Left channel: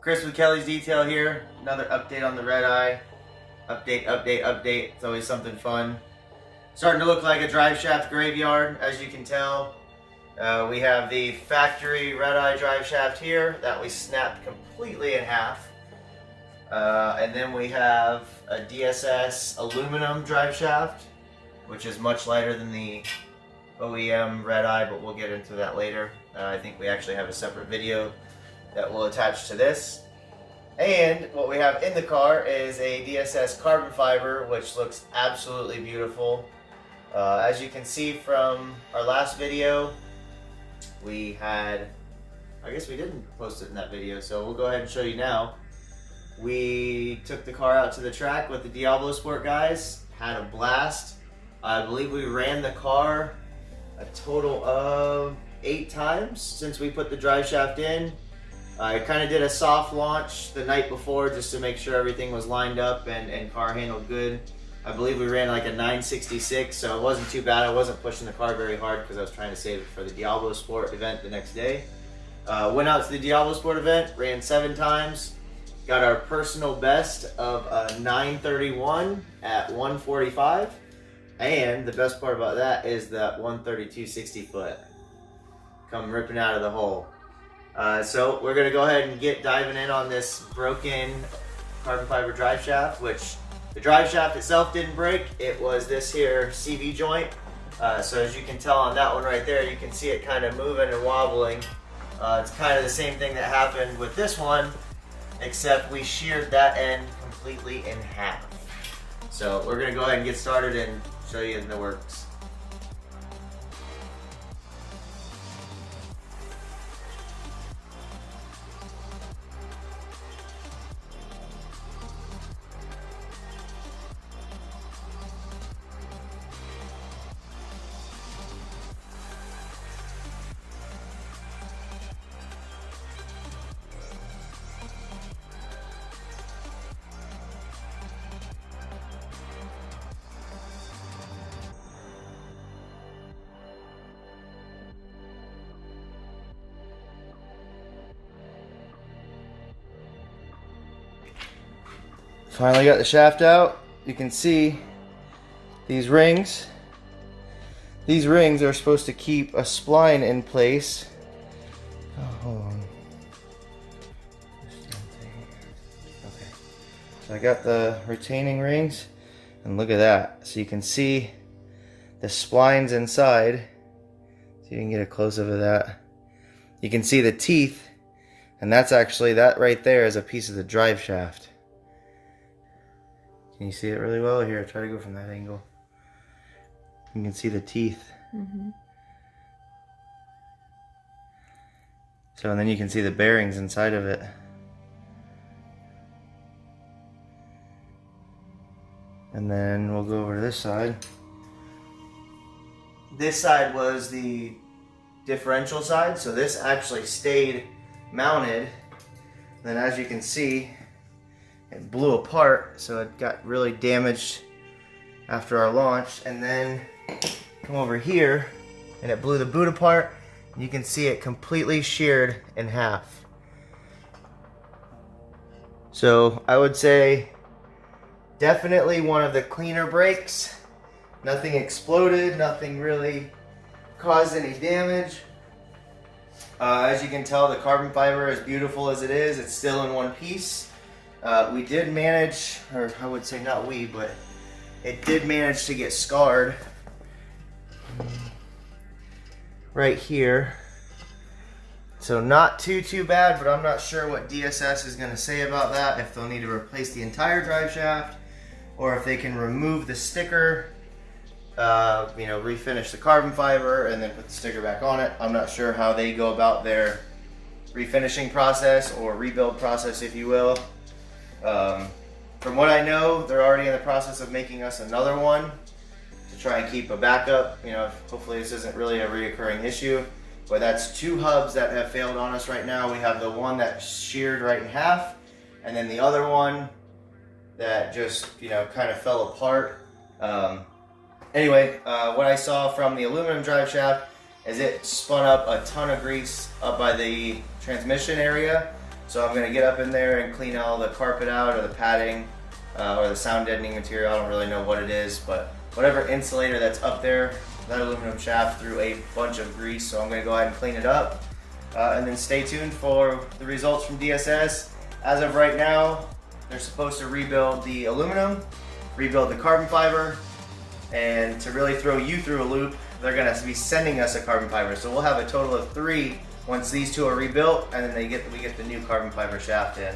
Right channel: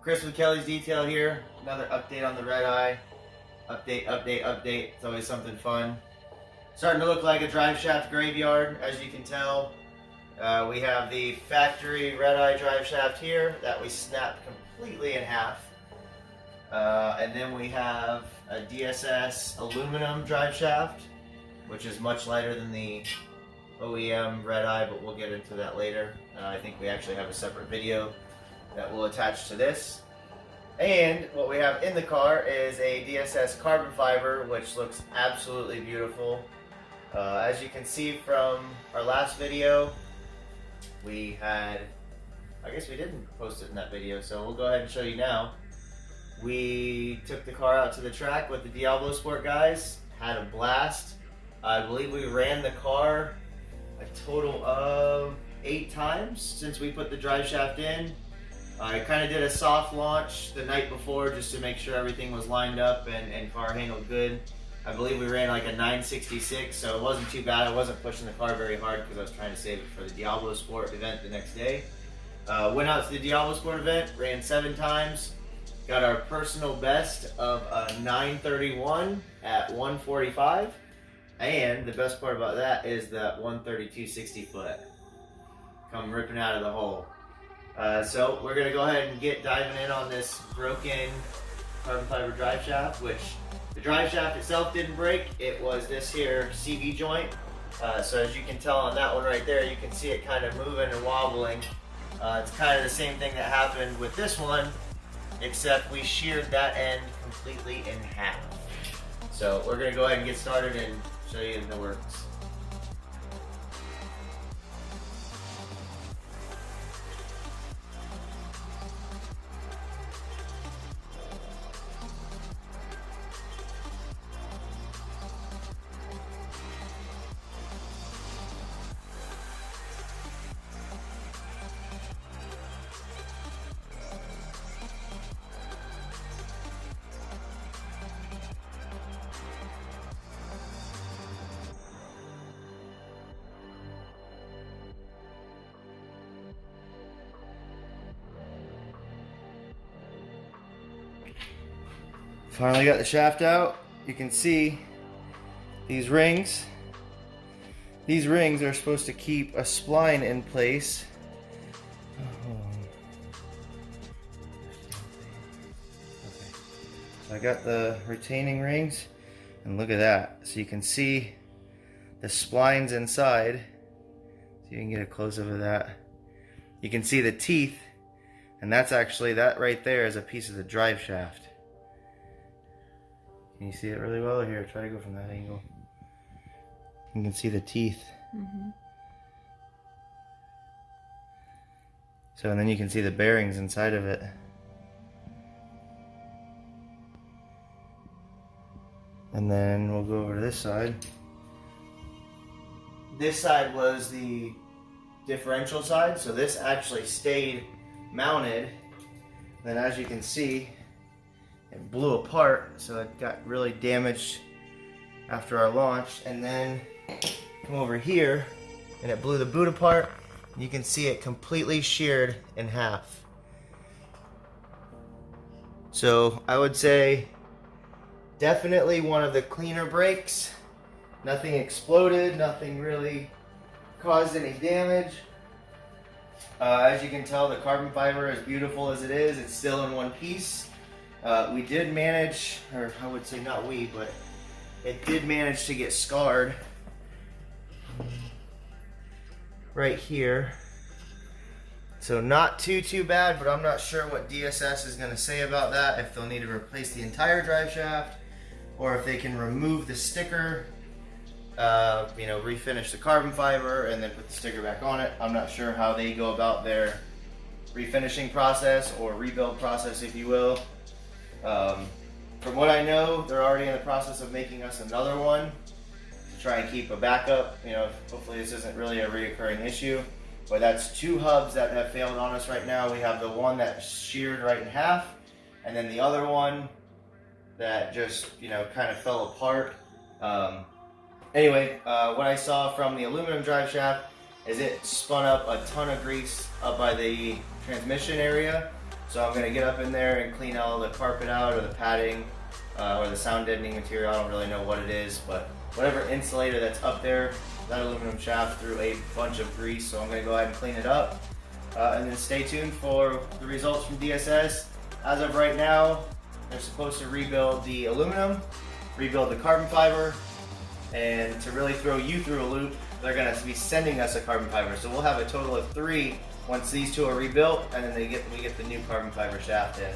Chris with Kelley's Detail here. Another update on the Redeye. Update. It's always something fun. Starting to look like a drive shaft graveyard, as you can tell. We have the factory Redeye drive shaft here that we snapped completely in half. And then we have a DSS aluminum drive shaft, which is much lighter than the OEM Redeye, but we'll get into that later. I think we actually have a separate video that will attach to this. And what we have in the car is a DSS carbon fiber, which looks absolutely beautiful. As you can see from our last video, we had, I guess we didn't post it in that video, so we'll go ahead and show you now. We took the car out to the track with the Diablo Sport guys, had a blast. I believe we ran the car a total of 8 times since we put the drive shaft in. I kind of did a soft launch the night before just to make sure everything was lined up and car handled good. I believe we ran like a 966, so it wasn't too bad. I wasn't pushing the car very hard because I was trying to save it for the Diablo Sport event the next day. Went out to the Diablo Sport event, ran 7 times, got our personal best of a 931 at 145. And the best part about that is that 132 60 foot come ripping out of the hole. So we're gonna go ahead and get diving in on this broken carbon fiber drive shaft, which the drive shaft itself didn't break. It was this here CV joint. So as you can tell on that one right there, you can see it kind of moving and wobbling. It's kind of the same thing that happened with this one, except we sheared that end completely in half. So we're gonna go ahead and get started and show you in the works. Finally got the shaft out. You can see these rings. These rings are supposed to keep a spline in place. Oh, hold on. Okay. So I got the retaining rings, and look at that. So you can see the splines inside. So you can get a close-up of that. You can see the teeth, and that's actually, that right there is a piece of the drive shaft. Can you see it really well? Here, try to go from that angle. You can see the teeth. So, and then you can see the bearings inside of it. And then we'll go over to this side. This side was the differential side, so this actually stayed mounted. Then as you can see, it blew apart, so it got really damaged after our launch. And then come over here, and it blew the boot apart. You can see it completely sheared in half. So I would say definitely one of the cleaner breaks. Nothing exploded, nothing really caused any damage. As you can tell, the carbon fiber, as beautiful as it is, it's still in one piece. We did manage, or I would say not we, but it did manage to get scarred right here. So not too bad, but I'm not sure what DSS is going to say about that, if they'll need to replace the entire drive shaft, or if they can remove the sticker, you know, refinish the carbon fiber and then put the sticker back on it. I'm not sure how they go about their refinishing process, or rebuild process, if you will. From what I know, they're already in the process of making us another one to try and keep a backup. You know, hopefully this isn't really a reoccurring issue. But that's 2 hubs that have failed on us right now. We have the one that sheared right in half, and then the other one that just, you know, kind of fell apart. Anyway, what I saw from the aluminum drive shaft is it spun up a ton of grease up by the transmission area. So I'm gonna get up in there and clean all the carpet out, or the padding, or the sound deadening material. I don't really know what it is, but whatever insulator that's up there, that aluminum shaft threw a bunch of grease, so I'm gonna go ahead and clean it up. And then stay tuned for the results from DSS. As of right now, they're supposed to rebuild the aluminum, rebuild the carbon fiber, and to really throw you through a loop, they're gonna be sending us a carbon fiber. So we'll have a total of 3 once these 2 are rebuilt, and then we get the new carbon fiber shaft in.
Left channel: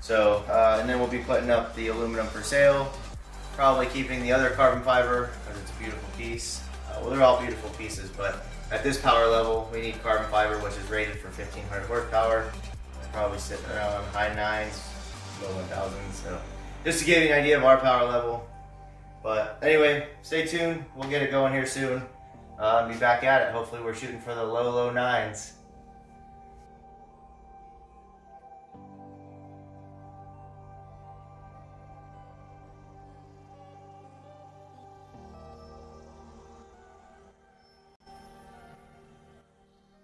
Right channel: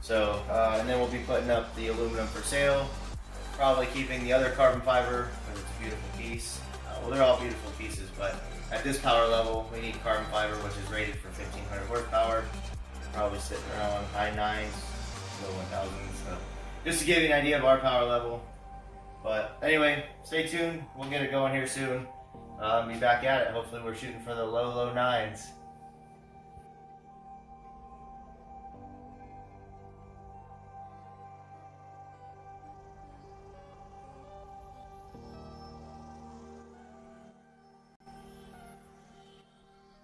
So, and then we'll be putting up the aluminum for sale, probably keeping the other carbon fiber, because it's a beautiful piece. Well, they're all beautiful pieces, but at this power level, we need carbon fiber, which is rated for 1500 horsepower. Probably sitting around high 9s, low 1000s. So just to give you an idea of our power level. But anyway, stay tuned. We'll get it going here soon. Be back at it. Hopefully we're shooting for the low 9s.